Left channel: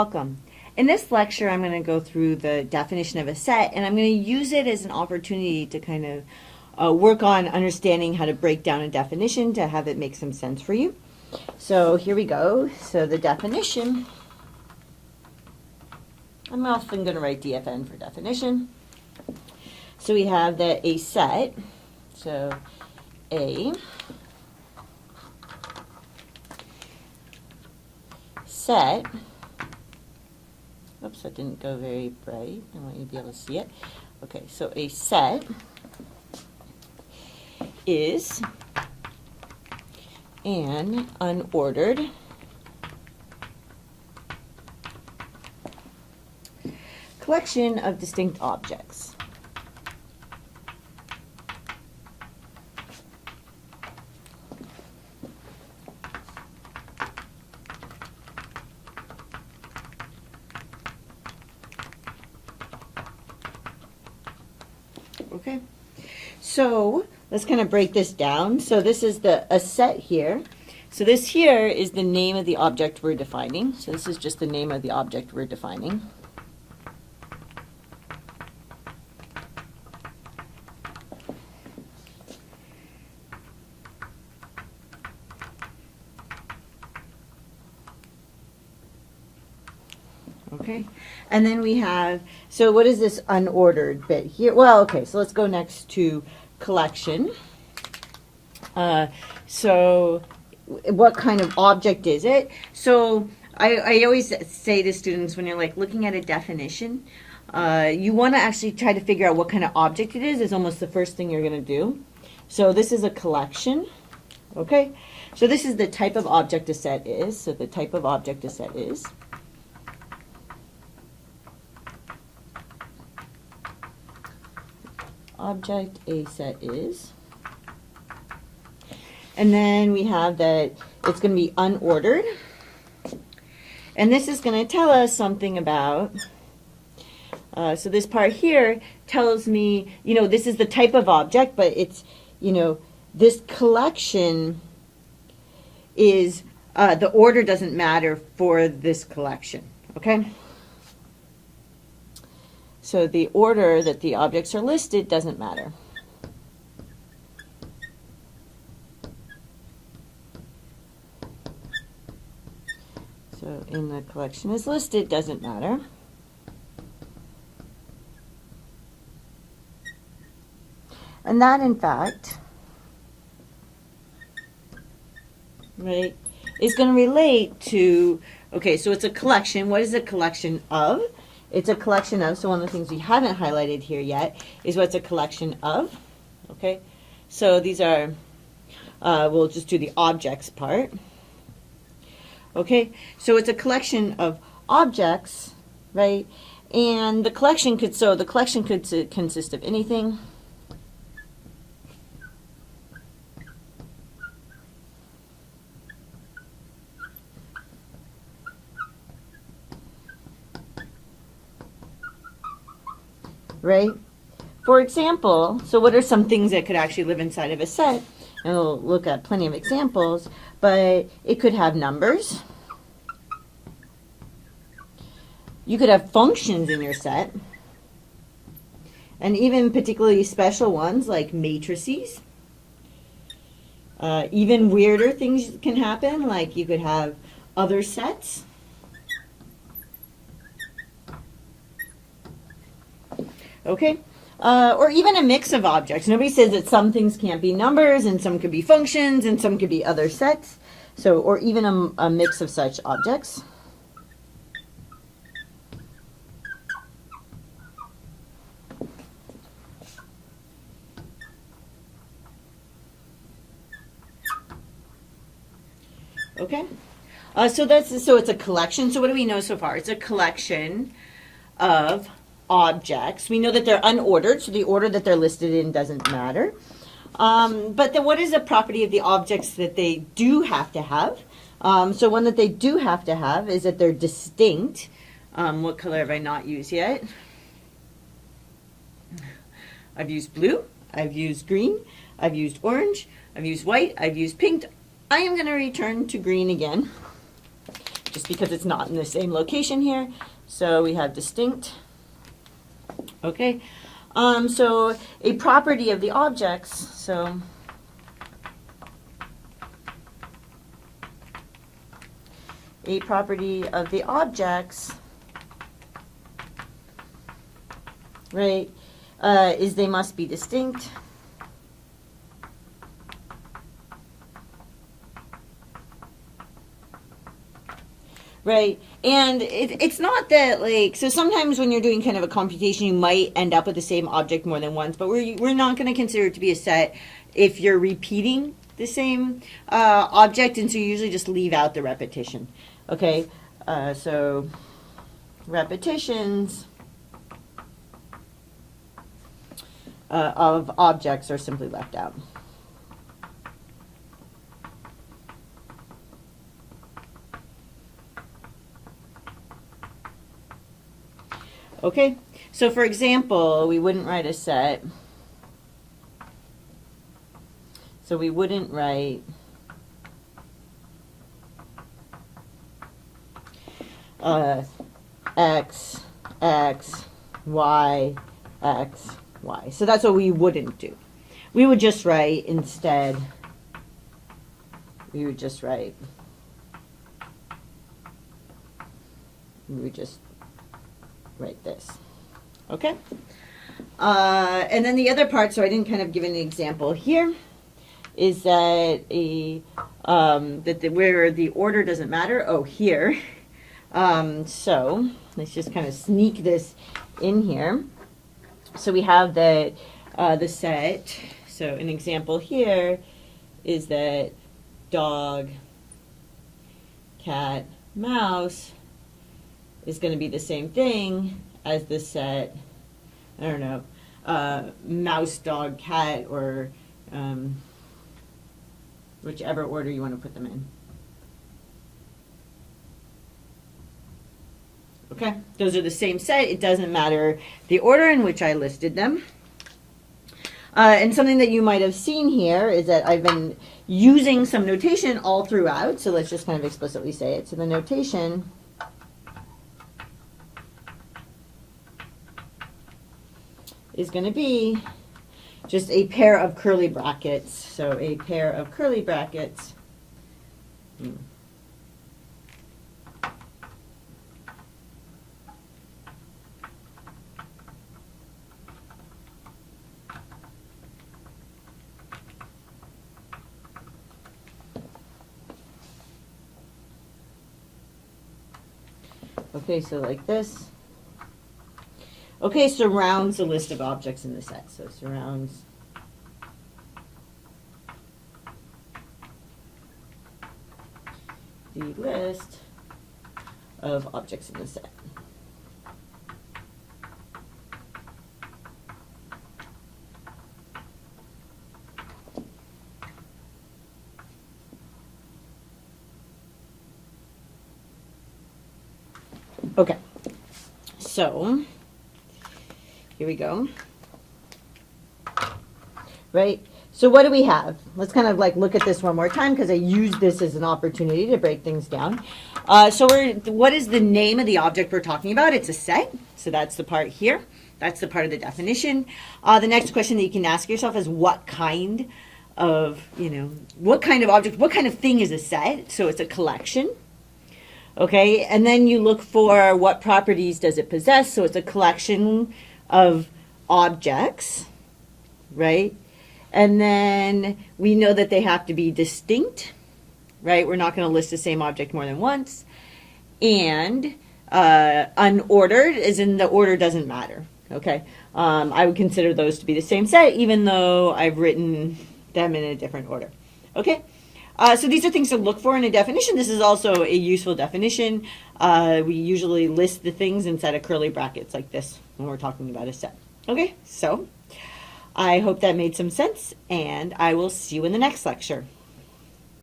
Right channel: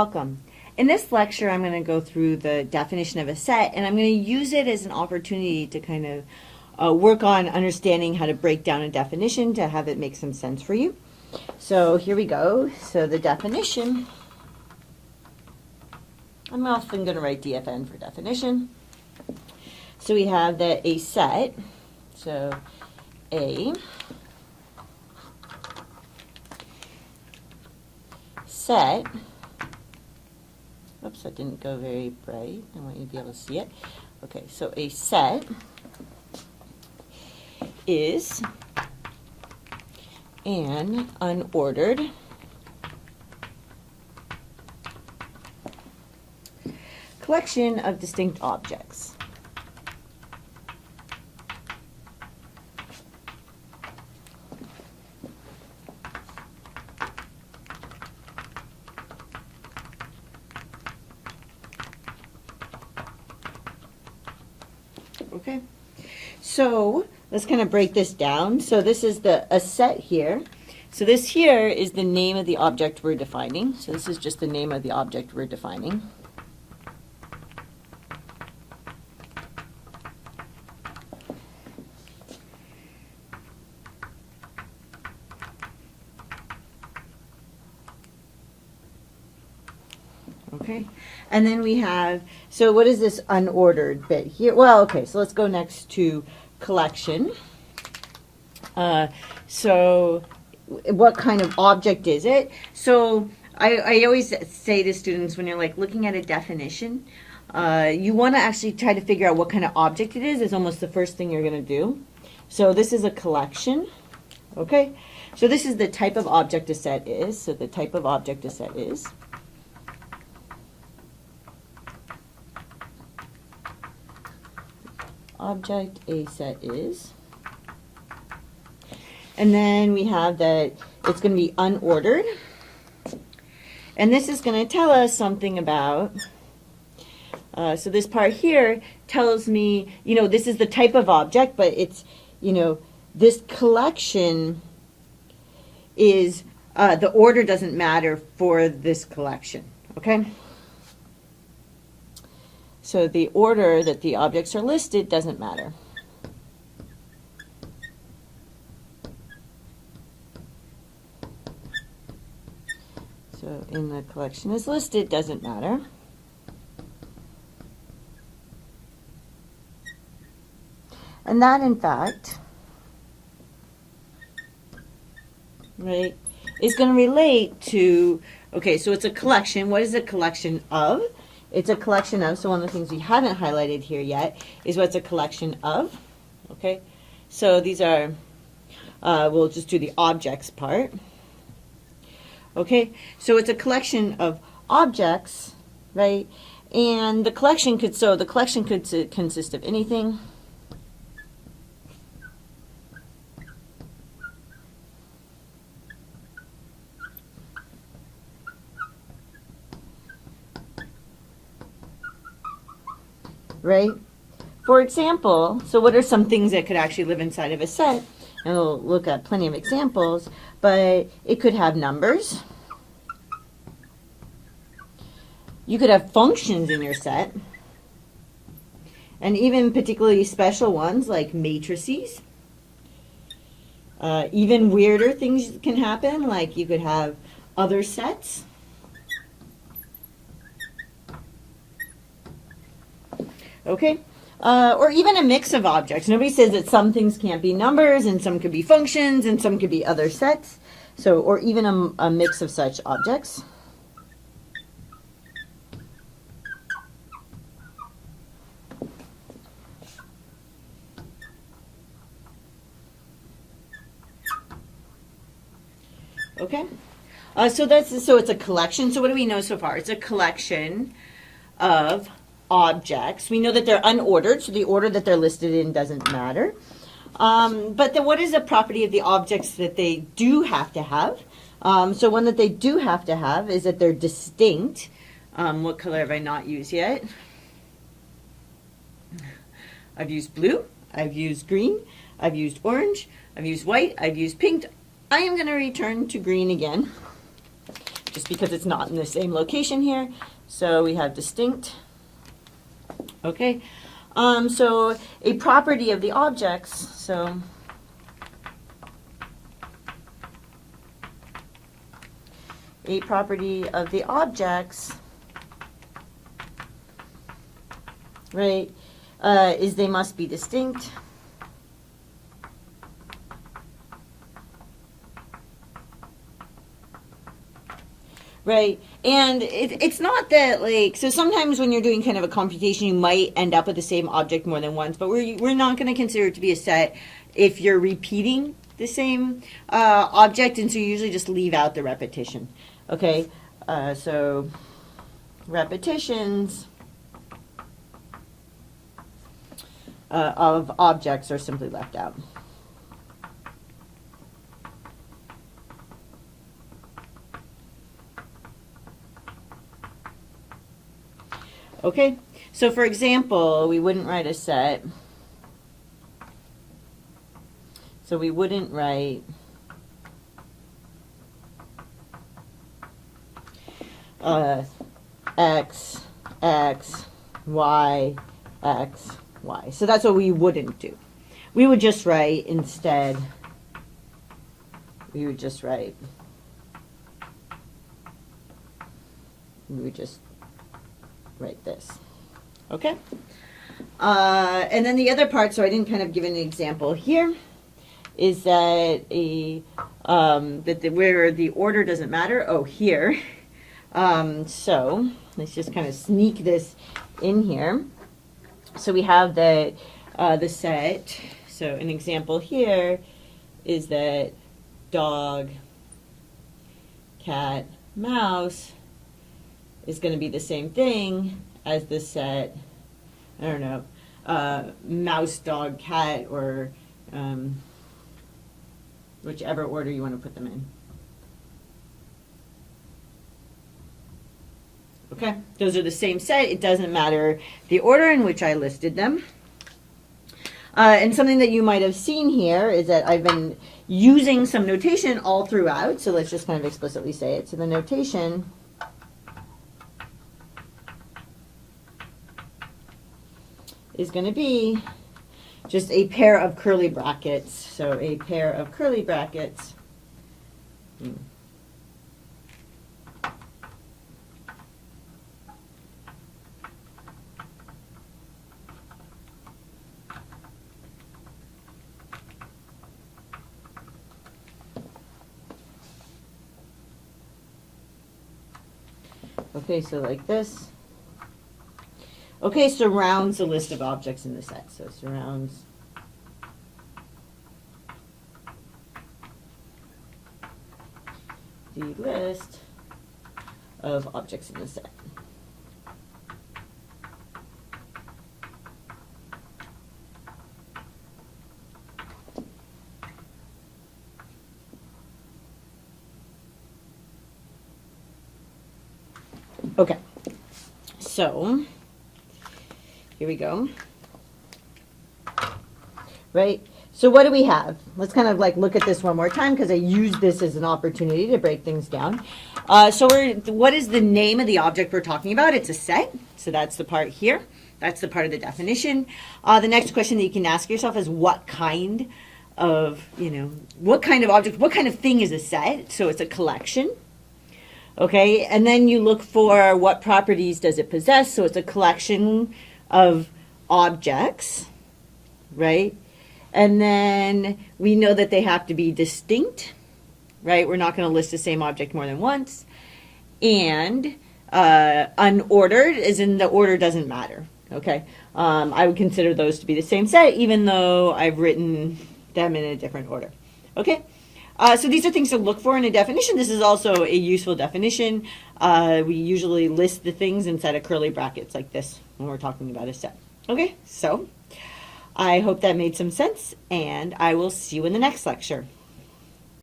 Welcome. In this lecture, I'm going to go through the definition of a set, and I'm going to use it as an opportunity to kind of work on understanding how to break down a definition to have it make some sense for you. So here we go. So the definition, I'm often going to write DFN for definition. So we have that a set, so a set, oops, that didn't go very bright. I want you to be able to see it. Okay, so a set is an unordered collection of distinct objects. Okay, so let's kind of break this down. So this is a set here. So this here is the name of the object we're defining. So this is just the name of the object we're defining. Okay, and then we have, so what is this unordered bit here? Well, okay, so let's go next to collection. So what kind of object is it? So I always say to students when you're like looking at a definition, you want to actually try to figure out what kind of object it is almost the first thing you're going to do. So this is a collection, okay? So this is the type of object a set is. So the type of object a set is. Object a set is. And then we have that it's going to be unordered. And this is going to tell us something about, so this part here tells me, this is the type of object, but it's, this collection is, the order doesn't matter for this collection, okay? So the order that the objects are listed doesn't matter. So in the collection is listed doesn't matter. And that, in fact, right, is going to relate to, okay, so it's a collection. What is a collection of? It's a collection of, so one of the things we haven't highlighted here yet is what's a collection of, okay? So these are, we'll just do the objects part. Okay, so it's a collection of objects, right? And the collection could, consist of anything. Right? For example, so what are some things that could actually live inside of a set? And we'll look at plenty of examples, but it could have numbers. You could have functions in your set, and even particularly special ones like matrices. Even weirder things can happen, like you could have other sets. Okay? Or even a mix of objects. Nobody says that some things can't be numbers, and some could be functions, and some could be other sets. So, or even a mix of such objects. Okay? So it's a collection. So what do we know so far? It's a collection of objects. We know that they're unordered, so the order that they're listed in doesn't matter. But then what is the property of the objects that they do have to have? So one that they do have to have is that they're distinct. What color have I not used yet? I've used blue, I've used green, I've used orange, I've used white, I've used pink. I am going to return to green again. just because it's not in the same location here. So we have distinct. Okay, so a property of the objects, so a property of the objects, right, is they must be distinct. Right, and it's not that, like, so sometimes when you're doing kind of a computation, you might end up with the same object more than once, but we're not going to consider it to be a set if you're repeating the same object, and so you usually just leave out the repetition. Okay, so repetitions of objects are simply left out. Okay, so for example, we wouldn't write a set. So we wouldn't write x, x, y, x, y. So that's what we wouldn't do. We would just write instead, we would just write this. Okay? And then the other part, so I didn't kind of give an example here, is that where the order doesn't matter. Oh, here. So let's just kind of sneak this in here. So we have the set. So an example here is that dog, cat, mouse is going to be the same thing as the set, I don't know, mouse, dog, cat, or whichever order you want to put them in. Okay, those are the same set. It doesn't matter the order in which I listed them. And something that you might have seen here is that I've been using some notation all throughout. So let's just kind of explicitly say it. So the notation is going to be just a pair of curly brackets. So a pair of curly brackets. Okay, so like this. Okay, surrounds the list of objects in the set. So surrounds the list of objects in the set. Okay, so here we go. Right, so what do we have? Let's kind of like look at this one more time because I used this as an opportunity to break things down. So what is the name of the object we're talking about? It's a set, so that's the part here. That's the part of the definition. The next question that you can ask yourself is what kind of, what kind of object, what kind of thing is a set? So it's a collection. Okay, and then you look for what properties does it possess. So it's a collection of objects, right? And then we know that they have to be distinct, right? We're not going to list the same object more than once. And unordered, as in the order doesn't matter, okay? I would consider those to be the same set, even though I've written them in a different order, okay? So these are things to look for in a definition. This is also a useful definition. We usually list the things inside of curly brackets like this when we're talking about a set. Okay, so I hope that made some sense, and I will see you in the next lecture.